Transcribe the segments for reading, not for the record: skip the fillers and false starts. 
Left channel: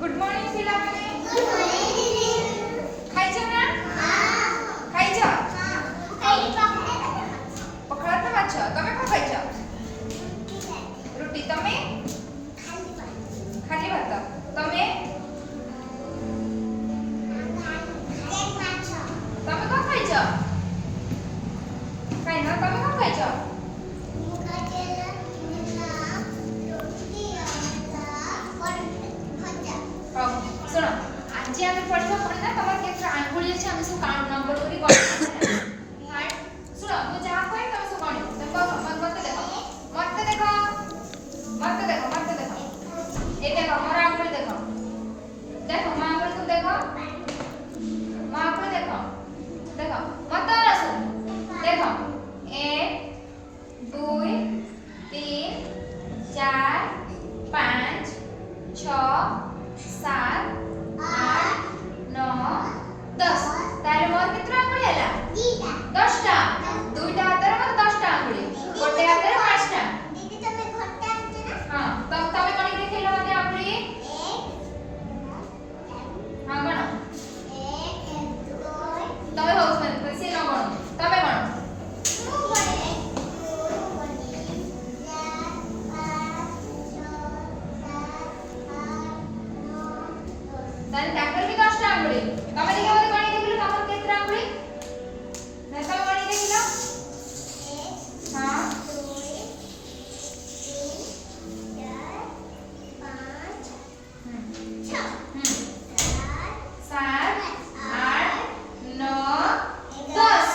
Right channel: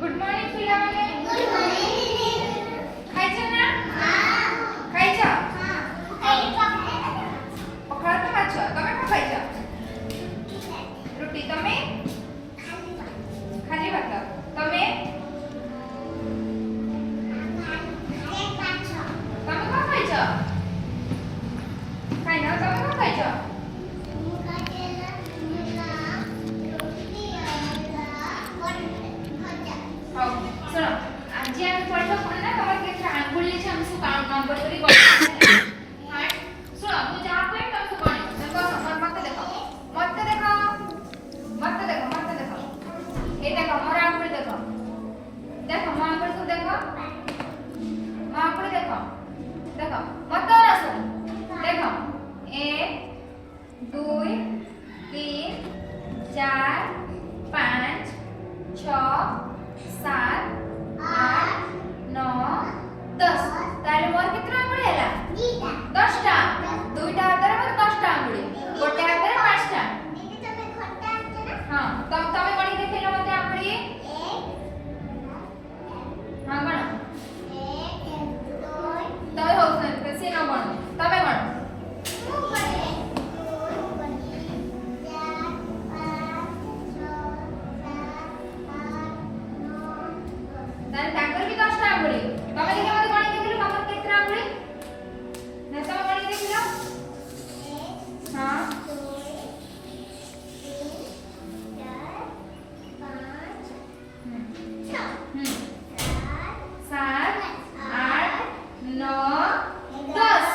good morning पिलामाने good morning खायचं ना हां खायचं हां पकड़ा तो अच्छा તમે શું ખાઈছো રોટી તમે ખાલી ભાત તમે તમે શું ખાઈছো ખાઈ ના તમે શું ખાઈছো सुनो आज आम्ही पडलो पुढे ना तुम्हाला काही आंघोळी आहे आम्ही सु नंबर करी गो हां सुनो तू जहां पे तुम सु कोणी देखो मत देखो ये देखो मोर आंघोळी देखो देखो मां आंघोळी को देखो मां आंघोळी देखो देखो मत रसो देखो 1 2 3 4 5 6 7 8 9 10 तारे मोर कितना आंगुली हैला 10 टा दुईटा हातरे मोर 10 टा आंगुली गोटे हातरे 5 टा दीदी तमे घट्टा आंचे ना हां तमे कोणी देखेला मते आंगुली 1 हां गण 1 2 तमे होस ना कसी न गण तमे गण तारे ताकर भी 10 टा आंगुली तमे देखा मते कोणी देखिलो तमर केत्रा आंगुली ना तमे कोणी देखिलो 1 हां 2 3 4 5 6 7 8 9 10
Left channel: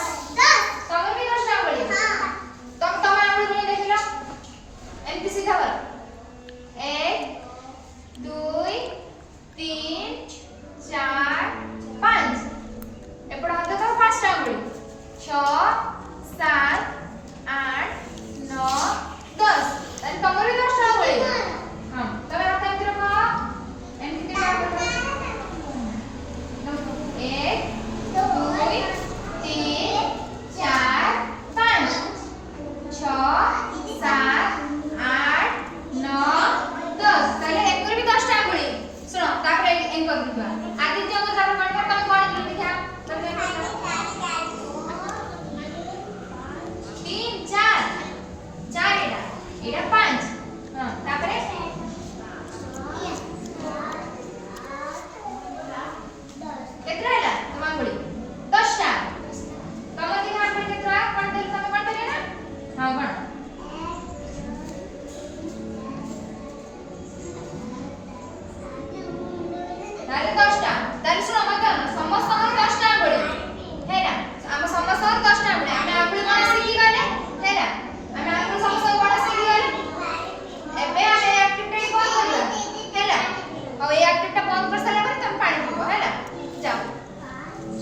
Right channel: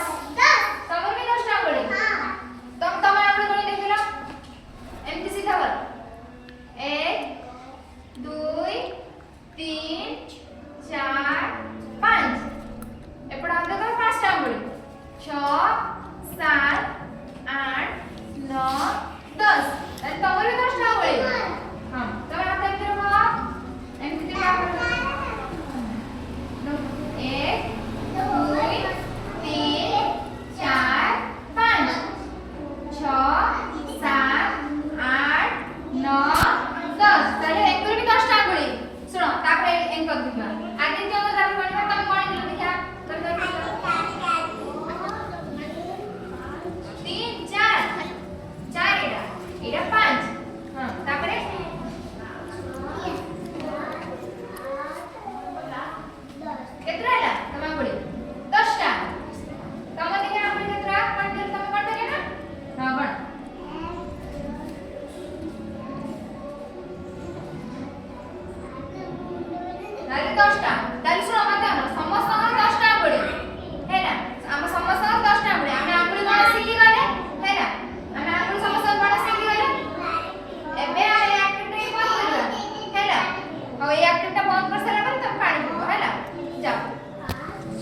तमर भी 10 टा आंगुली हां तमे आंगुली कोणी देखिलो एमपी सीधा कर 1 2 3 4 5 एपड़ा हाथ देखो 5 टा आंगुली 6 7 8 9 10 आणि तमर भी 10 टा आंगुली हां तमे हाथ एमती रखो एम किती टा 1 2 3 4 5 6 7 8 9 10 ताले एक भी 10 टा आंगुली सुनो तापर एम कर दिबा आदि जो तो तापर गणवा तमे कोण दिलो देखा तमे 3 4 4 एडा 5 हां तापरे केत्रा हैला तम आंगुली 10 टा तमे देखा आपने केत्रा कोण दिलो तमे कोण देले ना हां गण अरे 10 टा ताले सुनो मत